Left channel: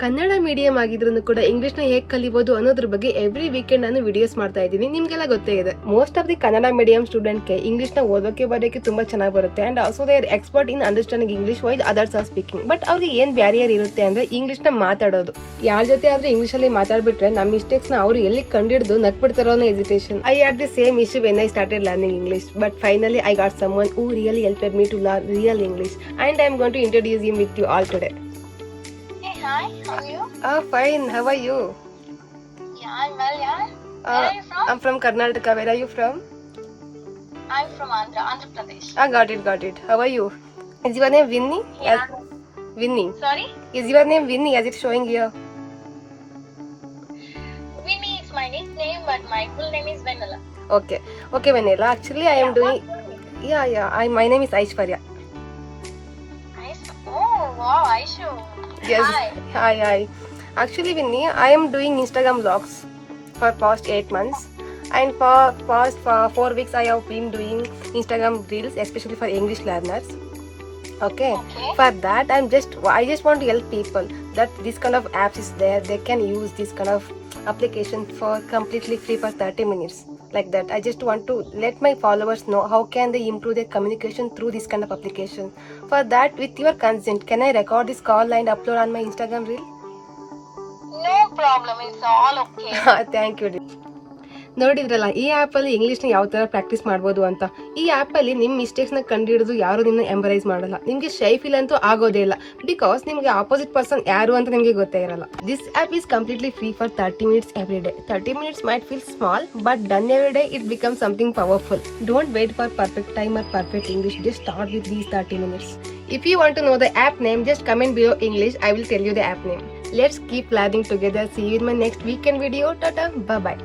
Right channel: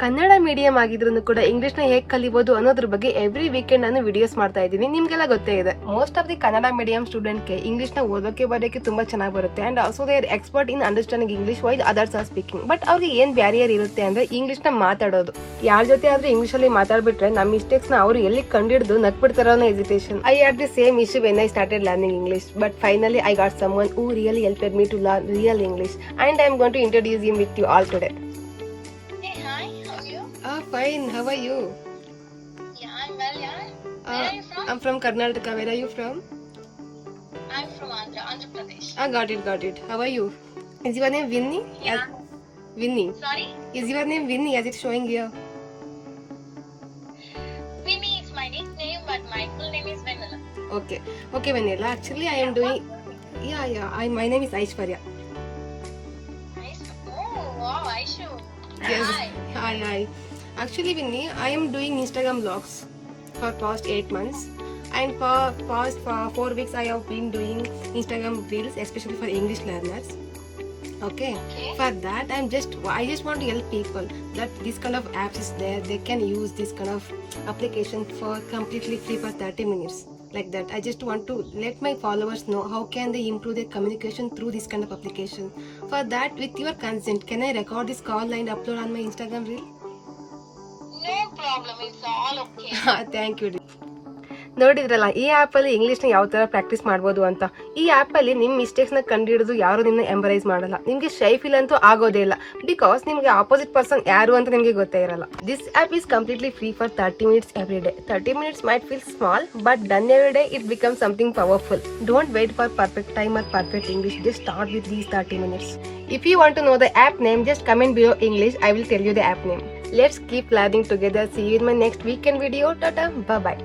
Kannada medium ಆಗಿದ್ರು ಕೂಡ English ನ ಹೇಗೆ ಕಲಿಬಹುದು ಅನ್ನೋದ್ರ ಬಗ್ಗೆ ಎವ್ರಿ ವೀಕೆಂಡ್ ನಾನು ವಿಡಿಯೋಸ್ ಮಾಡ್ತಾ ಇದ್ದೀನಿ. ನಿಮ್ಗೆಲ್ಲ ಗೊತ್ತೇ ಇದೆ, most of the Kannada medium student ಗೆ ಇಂಗ್ಲಿಷ್ ನ ಓದೋಕೆ ಬರೋಕೆ ತುಂಬಾ ಚೆನ್ನಾಗಿ ಬರುತ್ತೆ and also they are expert in understanding English while others are speaking. But ಅವ್ರಿಗೆ ಏನ್ ಬ್ಯಾರಿಯರ್ ಇರುತ್ತೆ ಅಂದ್ರೆ ಇಂಗ್ಲಿಷ್ ನ ಮಾತಾಡೋದು. ಯಾರ ಜೊತೆ ಆದ್ರೆ ಇಂಗ್ಲಿಷ್ ಅಲ್ಲಿ ಮಾತಾಡ್ಬಿಟ್ರೆ ನಮ್ಮ ಮಿಸ್ಟೇಕ್ಸ್ ನ ಅವ್ರು ಎಲ್ಲಿ ಕಂಡಿಡ್ದು ನಕ್ಬಿಡ್ತಾರೋ ಅನ್ನೋ hesitation. I had the same issue when I started learning English, but finally I got someone who really helped me to learn real English, and I am going to introduce him with you all today. Hi, how are you? Fine. How are you? Yeah, I'm well, yeah. Where are you from? I'm from Karnataka. Where are you from? I'm from Andhra Pradesh. Got it. How are you? Is your name Vinny? Yeah. Vinny. Sorry? Is your name Vinny as it's showing here? Vinny is my nickname, but my full name is Vanilla. Okay, Vanilla. Actually, I am doing. My name is Aishwarya. Nice. Oh, wow, Aishu. Yes. Hi. Hi. Actually, Vinny, I am doing Instagram vlogs for past 8 months, and for past 4 weeks I have been doing Instagram reels, especially for English learners. Okay. For that, I just want to help people that this kind of apps is there. They can use this kind of application for completely free for 30 minutes. Like that, I just want to let my followers know how can they improve their communication through this kind of application. For that, with your consent, can I record this call and upload on my Instagram reel? No problem, it's all okay. Thank you. ನೋಡಿದ್ರಲ್ಲ, ಈ app ಅಲ್ಲಿ English ನ ಯಾವ ತರ practice ಮಾಡಬಹುದು ಅಂತ. ಈ app ಅಲ್ಲಿ ನಿಮ್ ಮಿಸ್ಟೇಕ್ಸ್ ನ ಕಂಡುಹಿಡಿದು ಯಾರು ನಿಮ್ನ ಎಂಬರೈಸ್ ಮಾಡಲ್ಲ. ನಿಮ್ಗೆ ಶೈ ಫೀಲ್ ಅಂತೂ ಆಗೋದೇ ಇಲ್ಲ, ಬಿಕಾಸ್ ನಿಮ್ಗೆ ಆಪೋಸಿಟ್ ಪರ್ಸನ್ ಯಾರು ಅಂತ ನಿಮ್ಗೆ ಗೊತ್ತೇ ಇರಲ್ಲ. This app is completely free for 30 minutes every day. 30 minutes might feel small, but done every day it becomes something powerful. Don't wait for perfect time or perfect English. Just start with these 30 minutes. If you want to know the app name, just comment below English. I will tell you the app name. Let's keep learning together. See you in my next weekend video. Tata. Bye bye.